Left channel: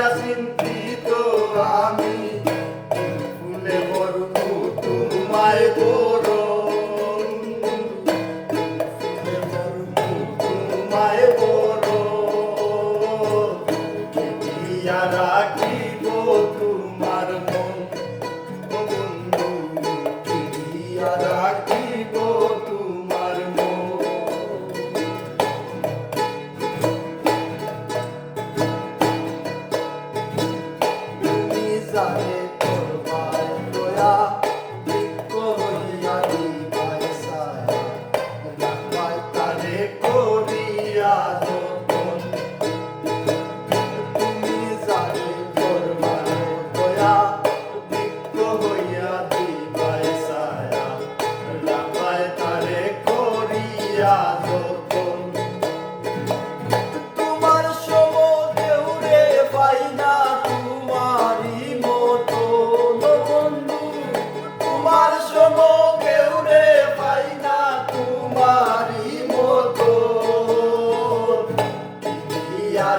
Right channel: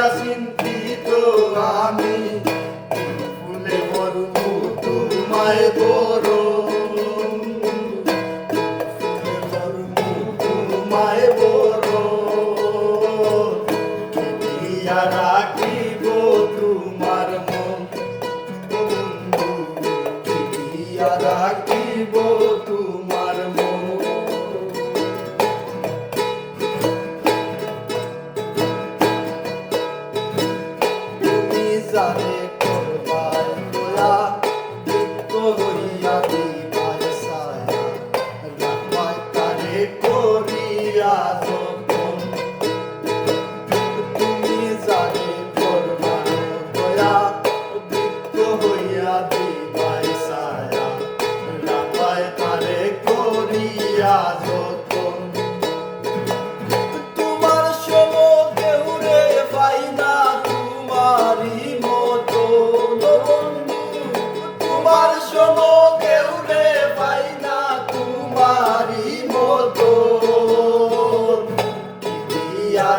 লইয়া চিন্তিত আমি ফুলে বরণ তোমায় বরণ ফুলে বরণ তোমায় বরণ দিয়া রাখিব তোমার মন বন্ধু দিয়া রাখিব তোমার মন জানে করবার দয়া বৃক্ষ হইয়া দিবায় ছায়া রাখবায় তারে করিয়া যতন তুমি জানে করবার দয়া বৃক্ষ হইয়া দিবায় ছায়া রাখবায় তারে করিয়া যতন তোমার সম কেউ রে পাই না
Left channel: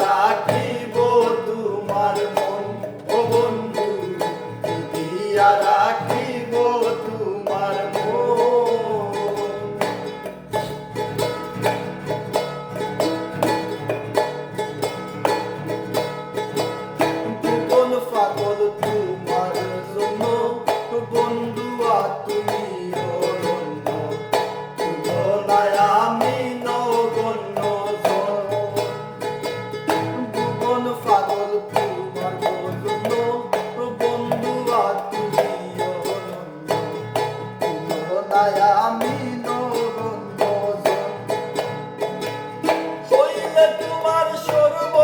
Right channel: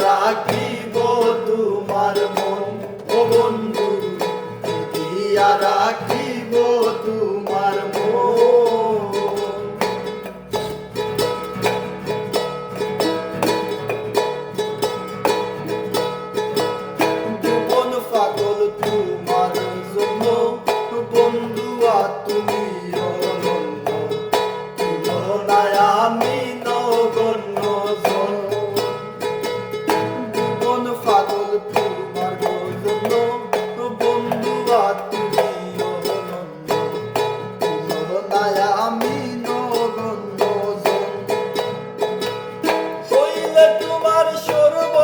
রাখিব তোমার মন ও বন্ধু দিয়া রাখিব তোমার মন জীবন পাগল তোমার জন্য বন্ধু তুমি অনন্য তুলনায় আমি নগণ্য পাগল তোমার জন্য বন্ধু তুমি অনন্য তুলনায় আমি নগণ্য হইলে তোমার সর্ব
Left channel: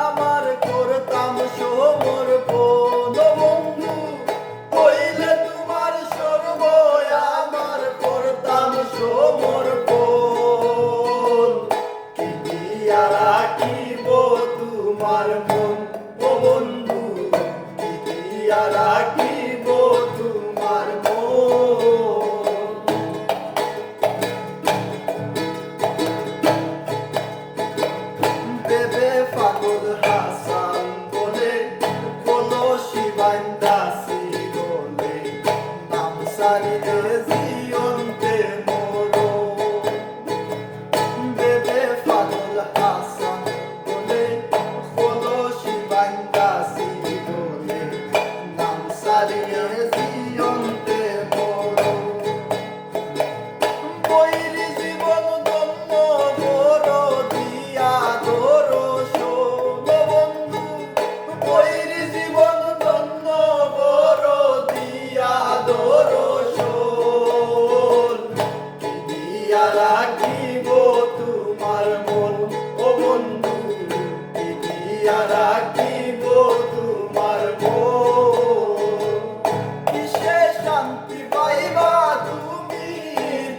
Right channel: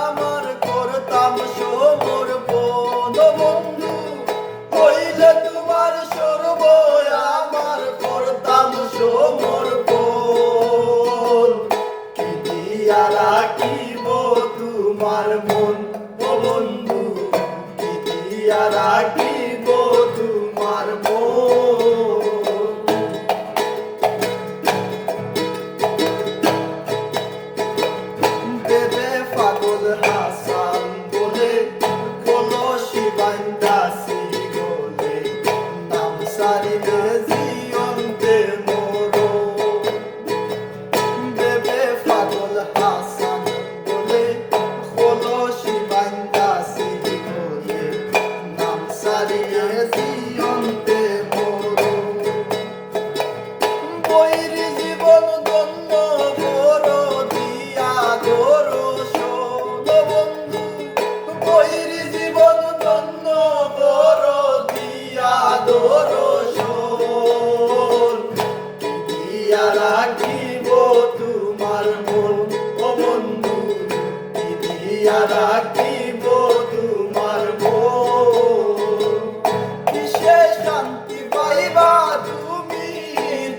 আমার করতাম সমর্পণ বন্ধু হইলে তোমার সর্ব আমার করতাম সমর্পণ দিয়া রাখিব তোমার মন ও বন্ধু দিয়া রাখিব তোমার মন দেবে পাগল হাসান বলে কলসি বান্দাসি বলে নাম সারিলে জীবনতে মোর দেবে পাগল হাসান সারিয়ে জীবনতে মোর বৈর জীবন ধন্য বড় দিয়া দর্শন বন্ধু বৈর জীবন ধন্য বড় দিয়া দর্শন দিয়া রাখিব তোমার মন ও বন্ধু দিয়া রাখিব তোমার মন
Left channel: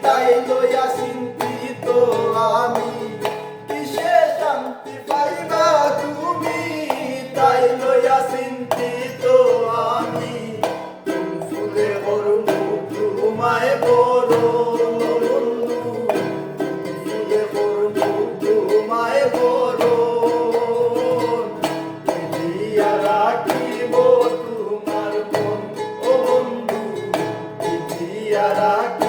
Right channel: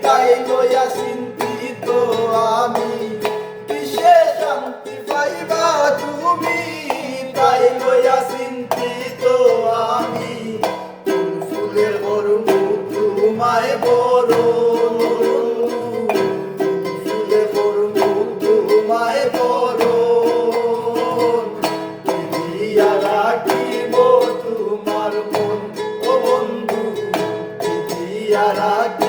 তাই লইয়া চিন্তিত আমি বিশেষ শান্তি পাইবা তুমি তাই লইয়া চিন্তিত আমি ফুলে বরণ তোমায় বরণ ফুলে বরণ তোমায় বরণ দিয়া রাখিব তোমার মন ও বন্ধু দিয়া রাখিব